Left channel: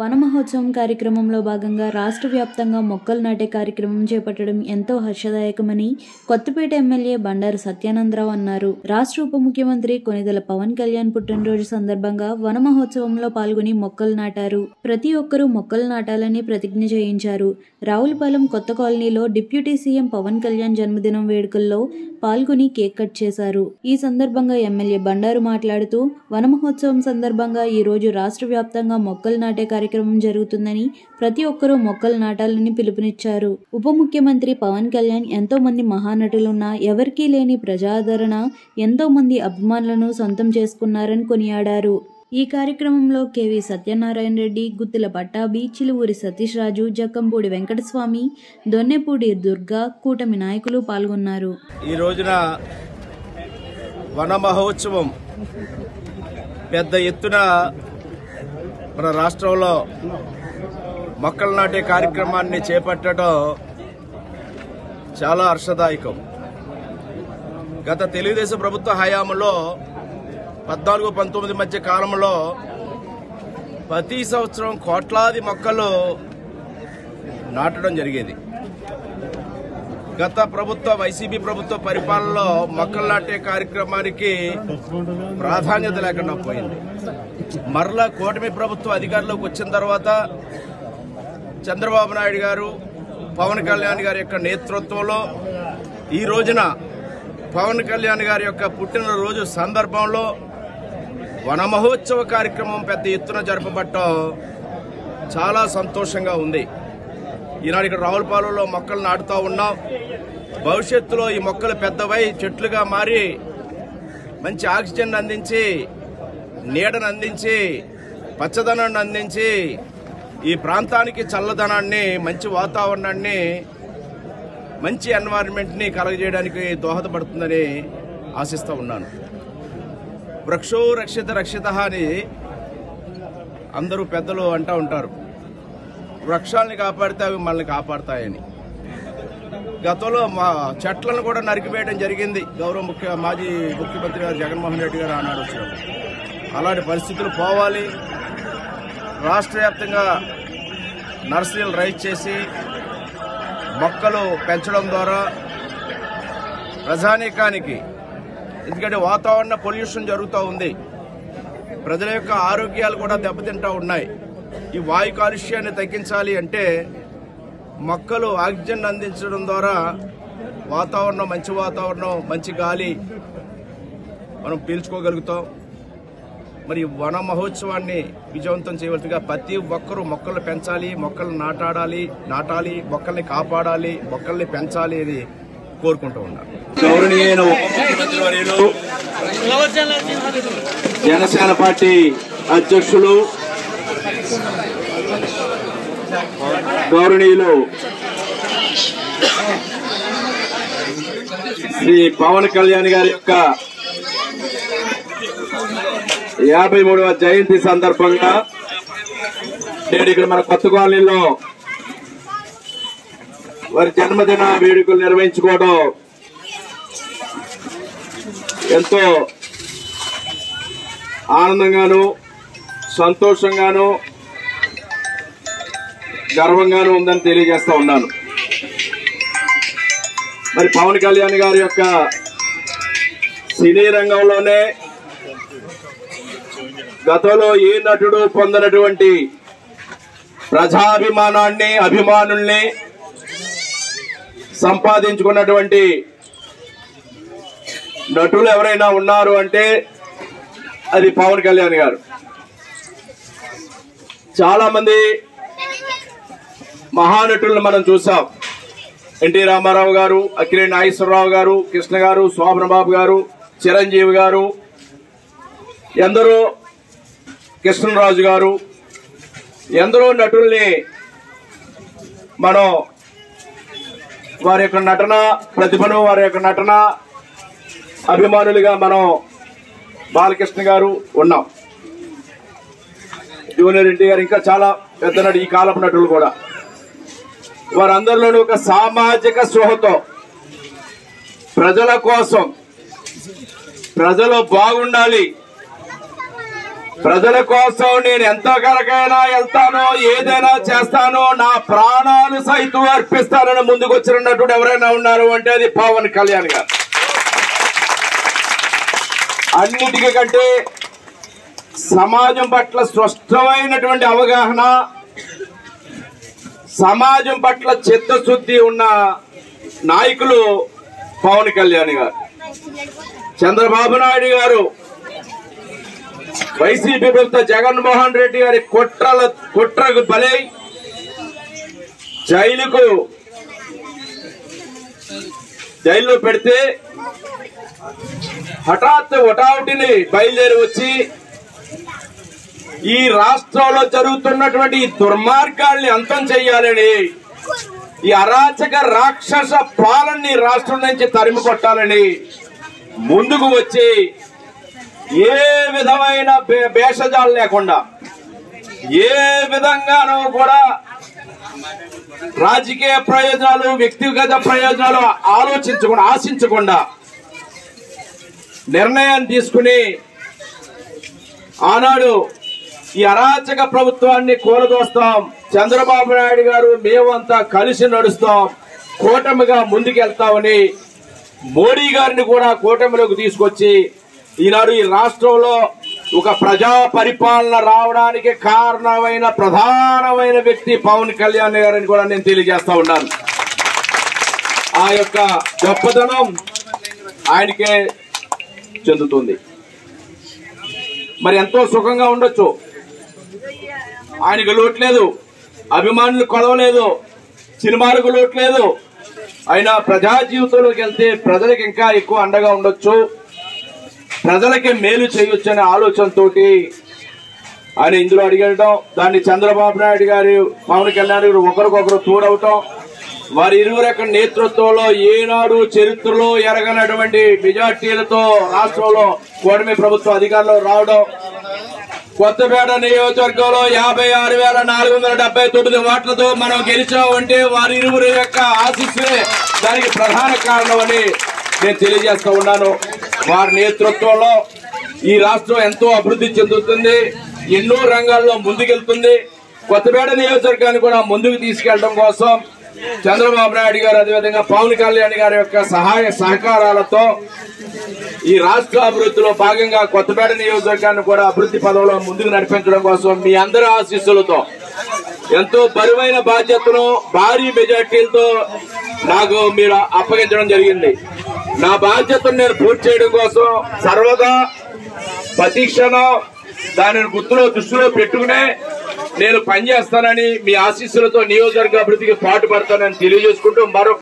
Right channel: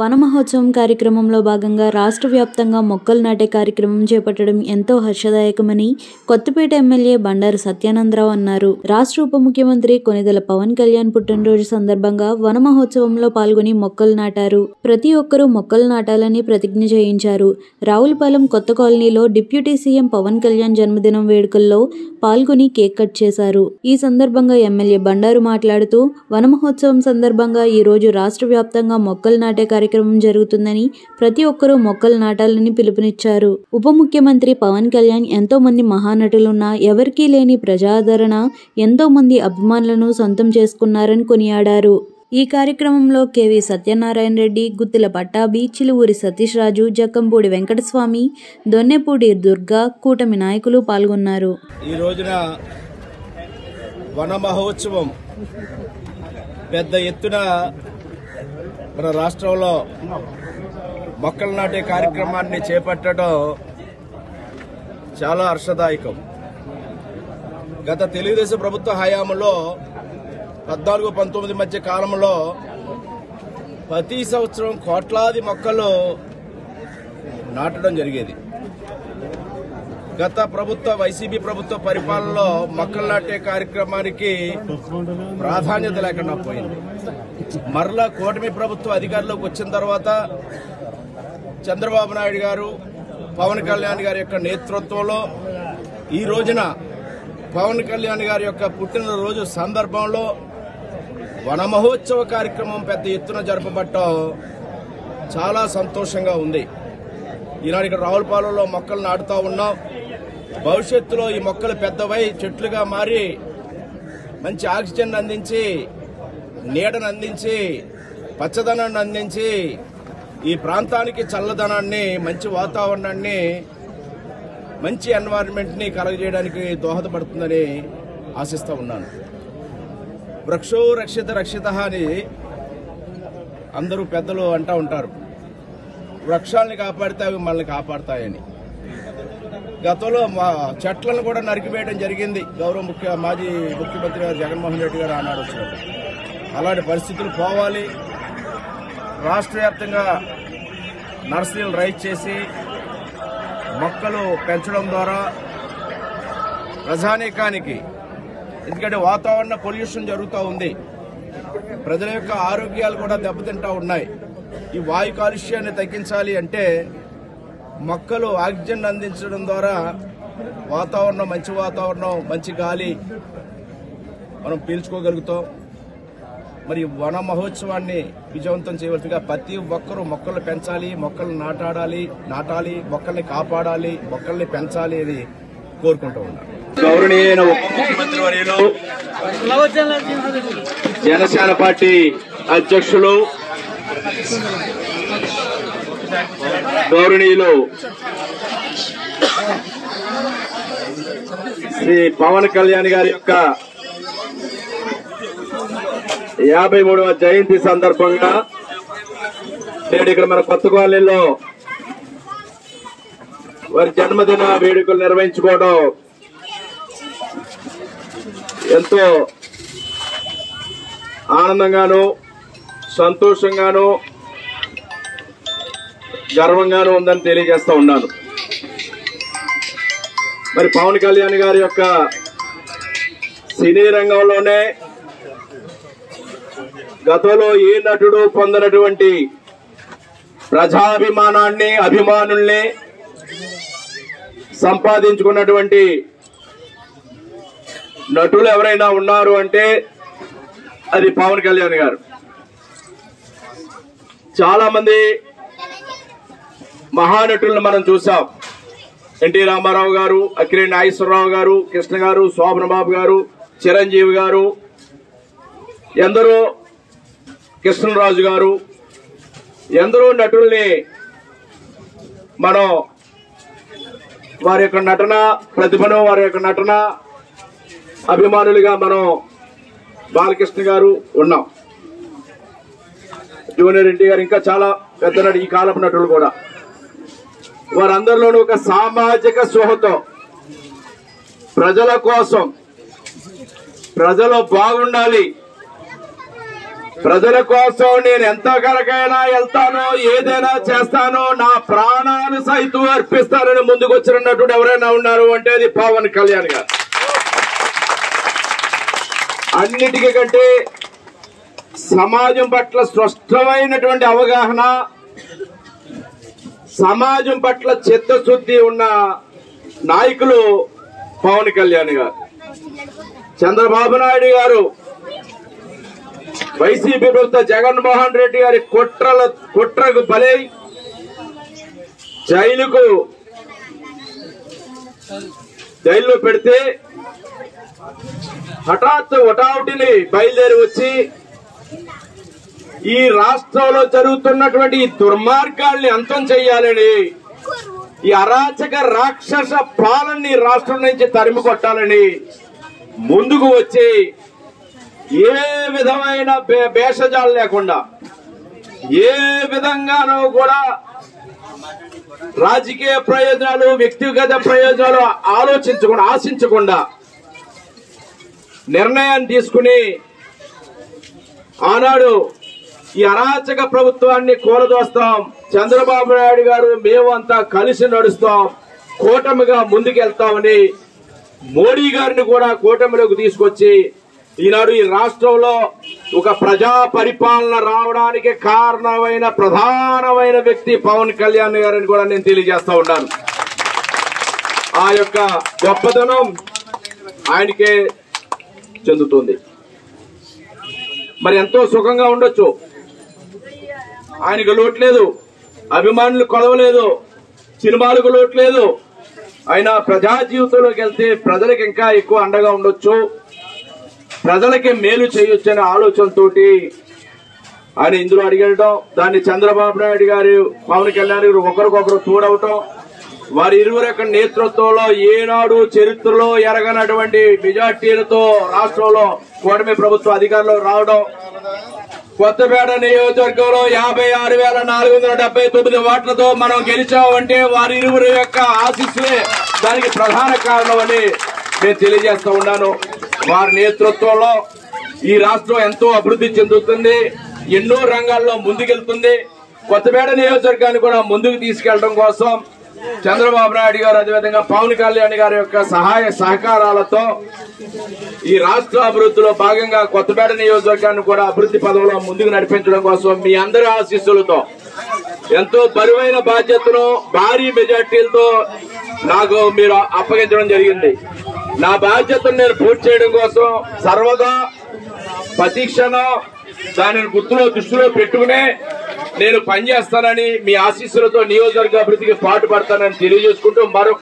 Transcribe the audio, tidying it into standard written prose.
వన మహోత్సవం కార్యక్రమంలో భాగంగా రాష్ట్ర వ్యాప్తంగా మొక్కలు నాటే కార్యక్రమం చేపట్టడం ఎంతో హర్షదాయకమని కొత్తపేట ఎమ్మెల్యే బండారు సత్యానందరావు అన్నారు. రాష్ట్ర ఉప ముఖ్యమంత్రి కొనిదెల పవన్ కళ్యాణ్ పుట్టినరోజు సందర్భంగా వన మహోత్సవంలో పాల్గొని మొక్కలు నాటారు. ప్రతి ఒక్కరూ మొక్కలు నాటాలని ప్రతిజ్ఞ చేయించారు. రావులపాలెం కొత్త కాలనీలో డిప్యూటీ సీఎం పవన్ కళ్యాణ్ జన్మదినం వేడుకల్లో పాల్గొని కేక్ కట్ చేశారు. ఈ సందర్భంగా ఎమ్మెల్యే బండారు మాట్లాడుతూ వన మహోత్సవం సందర్భంగా ఈ రోజు రాష్ట్ర వ్యాప్తంగా మొక్కలు నాటే కార్యక్రమం జరుగుతుందని ప్రతి ఒక్కరూ మొక్కలు నాటాలని పిలుపునిచ్చారు. ఉప ముఖ్యమంత్రి పవన్ కళ్యాణ్ ఎంతో మంది మహానటులున్నా ఎవరికీ లేని ప్రజాదరణ, ఎంతో మంది అభిమానులను సొంతం చేసుకున్నారని కొనియాడారు. ఈ కార్యక్రమంలో కెవి సత్యనారాయణ రెడ్డి, గుత్తిల పట్టాభి, చిలువూరి సతీష్ రాజు, జక్కంపూడి వెంకటస్వామి, దొన్నెపూడి దుర్గా, కూటమి నాయకులు పాల్గొన్నారు. ఈ రోజున వన మహోత్సవం పెద్ద ఎత్తున మన రాష్ట్రంలో మొక్కలు నాటే కార్యక్రమాన్ని చేపట్టడం చాలా హర్షదాయకం. గత తెలుగుదేశం ప్రభుత్వ హయాంలో 14-19 మధ్య కాలంలో ప్రతి సంవత్సరం కోట్లాది మొక్కలు నాటడం జరిగేది. గత ప్రభుత్వ వైసీపీ ప్రభుత్వ పరిపాలనలో మొక్కలు నాటే కార్యక్రమానికి ప్రాధాన్యత లేకుండా పోయింది. మరలా కూటమి ప్రభుత్వం అధికారంలోకి వచ్చిన తర్వాత చంద్రబాబు నాయుడు గారు, పవన్ కళ్యాణ్ గారి యొక్క నేతృత్వంలో ఈ రోజున పవన్ కళ్యాణ్ గారి యొక్క పుట్టినరోజు సందర్భంలో వన మహోత్సవ కార్యక్రమం పెద్ద ఎత్తున జరపబట్టడం చాలా సంతోషంగా ఉంది. ఈనాడు ఇక్కడ రావులపాలెంలో మొక్కలు నాటుతూ ఉన్నాం. భవిష్యత్తులో ఈ మొక్కలు పెద్దవై చెట్లుగా మారి మంచి ఆక్సిజన్ అందించి, నీడను అందించి, పచ్చదనాన్ని అందించి, ఈ ప్రాంతానికి చల్లదనాన్ని, మంచి వాతావరణాన్ని, మంచి ఎన్వైరన్మెంట్ ని కలగజేయడానికి దోహదపడుతుందని ఆశిస్తూ ఉన్నాను. వృక్షో రక్షిత రక్షిత అని అందరూ పెద్దలు అంటూ ఉంటారు. వృక్షాలని కాపాడితే అవి మనల్ని కాపాడతాయని. గతంలో మా చెట్లను కూడా నరికివేయడం జరిగింది గౌరవ మాజీ ముఖ్యమంత్రి గారు జగన్మోహన్ రెడ్డి గారు ఆనాడు వచ్చినప్పుడు. అలాంటి పరిస్థితులు పోవాలి. రాష్ట్ర వ్యాప్తంగా నర్సరీలు రైజ్ చేసి మొక్కలు పెంచడం ద్వారా ప్రజానీకానికి, ఎందుకంటే వాతావరణ పొల్యూషన్ జరుగుతూ ఉంది, ప్రజల యొక్క ఆరోగ్యాలు కూడా దెబ్బతింటూ ఉన్నాయి. ఈ వాయు కాలుష్యాన్ని తగ్గించాలి అంటే మొక్కలు ఆక్సిజన్ అందించడం ద్వారా వాతావరణం, మంచి వాతావరణం, మంచి గాలి మనం పీల్చుకోగలుగుతాం. మరి వన మహోత్సవాన్ని విజయవంతం చేయవలసిగా ప్రతి ఒక్కరూ మొక్కలు పెంచాలి, మొక్కలు నాటాలి, మొక్కల్ని కాపాడాలి, మొక్కల్ని పెంచాలి అని కోరుకుంటూ ఉన్నారు. గౌరవనీయ ఉప ముఖ్యమంత్రి వర్యులు, జనసేన పార్టీ అధ్యక్షులు గౌరవనీయులు శ్రీ పవన్ కళ్యాణ్ గారి యొక్క 53వ జయంతి సందర్భంగా నేడు ఇక్కడ మన కొత్త కాలనీలో వారి జన్మదిన వేడుకలు నిర్వహించుకోవడం ఎంతో ఆనందంగాను, సంతోషంగాను, గర్వంగాను ఉందని తెలియజేస్తా ఉన్నాను. మరి పవన్ కళ్యాణ్ గారి యొక్క సినీ రంగంలోనే గతంలో ఏ నటుడు పొందినటువంటి ప్రజాభిమానాన్ని, అభిమానుల్ని సంపాదించుకున్నటువంటి నటులు ఎవరైనా ఉన్నారు అంటే అది పవన్ కళ్యాణ్ గారు. చాలా మంది మహానటులను మనం చూసాం. ఎన్టీ రామారావు గారు, అక్కినేని నాగేశ్వరరావు గారు, కృష్ణ గారు, శోభన్ బాబు గారు, చిరంజీవి గారు, ఎందరో, కృష్ణరాజు గారు, ఎందరో నటుల్ని మనం వారి యొక్క నటన ప్రతిభను, వారి యొక్క నటన అభిమానులుగా మనం బాలకృష్ణ గారు ఉన్నాం, జూనియర్ ఎన్టీ గారు, ఇంకా చాలా పెద్ద నటు, ఈ కాలపు నటులు కూడా. వారందరిలోనూ ఒక సామాజిక స్పృహతో ప్రజల కోసం, ప్రజలు బాగుండాలి, ప్రజల కోసం నేను ఎంతవరకైనా వెళ్తానో, ఏదైనా చేస్తానో, నా ప్రాణాలు సైతం అర్పిస్తానని ముందుకు వచ్చినటువంటి ఎవరైనా ఉన్నారు అంటే అది పవన్ కళ్యాణ్ గారు. అన్నిటికంటే సమాజం పట్ల స్పష్టమైనటువంటి అవగాహన, సమాజం పట్ల చిత్తశుద్ధి ఉన్న నాయకులు పవన్ కళ్యాణ్ గారు. చంద్రబాబు నాయుడు గారు, వైసీపీ ప్రభుత్వ జగన్మోహన్ రెడ్డి గారి కుట్రకు బలై జైల్లో పెడితే హఠాత్తుని బయలుదేరి వచ్చి ఈ రాష్ట్రంలో జరుగుతున్నటువంటి దుర్మార్గాల్ని అంతం చేయాలని, ఈ అరాచక రాక్షస పాలనని రాష్ట్రం నుంచి తరిమి కొట్టాలని ముందుకు వచ్చి ఏ విధమైన భేషజాలు లేకుండా, ఏ విధంగానూ కూడా రాజకీయ ప్రయోజనాలు, వ్యక్తిగత ప్రయోజనాలు ఆశించకుండా నిర్ణయాన్ని తీసుకుని ఆనాడు ఈ అరాచక ప్రభుత్వాన్ని కూలదోస్తాం, చంద్రబాబు నాయుడు గారు మేమంతా కలిసి నడుస్తాం, కూటమిగా ముందుకెళ్తామని మోడీ గారిని కూడా కూటమిలోకి తీసుకొచ్చి ఈనాడు ఈ రాష్ట్రంలో ఒక ప్రజా పరిపాలన రావడానికి కారణమైన ప్రధానమైన వ్యక్తి పవన్ కళ్యాణ్ గారని కూడా నేను తెలియజేస్తా ఉన్నాను. ఆ యొక్క గొప్పతనం ఆయనకే చెందుతుంది. మరి ఎంతో సుఖంగా ఉండొచ్చు, ఆయనకు లోటు లేదు, అభిమానులు కొదవలేదు, సినిమాలకు లోటు లేదు. అయినా ప్రజా జీవితంలోకి వెళ్తే ప్రజలకు ఇంకా ఎక్కువ అండగా ఉండొచ్చు, ప్రజలకి మేలు చేయొచ్చు అనే ఆలోచనతోటి ఆయన ఇందులో అడిగడం, దాన్ని చంద్రబాబు నాయుడు గారు, పవన్ కళ్యాణ్ గారు ఒకరికొకరు తోడవటం, వారి ఇరువురు యొక్క నేతృత్వంలో ఏనాడు చరిత్రలో ఎరగనటువంటి మెజార్టీలతో రాష్ట్రంలో కూటమి ప్రభుత్వం అధికారంలో రావడం, కొత్తపేట నియోజకవర్గంలో 56,479 ఓట్లతో మనం గెలిచామంటే వారి ఇరువురు యొక్క ఆశీస్సులే దానికి ప్రధాన కారణమని నేను తెలియజేస్తా ఉన్నాను. వారి నేతృత్వంలో ఈ రాష్ట్రం ఎంతో అభివృద్ధి చెందుతుంది, ఎన్నో రంగాల్లో ముందుకెళ్తుంది. కొత్తపేట నియోజకవర్గాన్ని కూడా ముందుకు తీసుకెళ్లడం కోసం చంద్రబాబు నాయుడు గారు, అదేవిధంగా పవన్ కళ్యాణ్ గారి యొక్క సహాయ సహకారాలతో ఈ రాష్ట్ర అభివృద్ధిలో భాగంగా కొత్తపేట నియోజకవర్గాన్ని కూడా అభివృద్ధి పదంలో ముందుకు నడిపించడం కోసం మీ అందరి ఆశీస్సులతో ఎంతో బరువైన బాధ్యతను భారీ మెజార్టీలతో నాకు మీరు అప్పగించడం జరిగింది. నా బాధ్యతను నేను పూర్తి చేయడం కోసం సర్వదా ప్రతిక్షణం దానిని దృష్టిలో పెట్టుకునే నేను పనిచేస్తానని, మీ ఆశీస్సులతో నియోజకవర్గ అభివృద్ధికి పాటుపడతానని తెలియజేసుకుంటూ మరో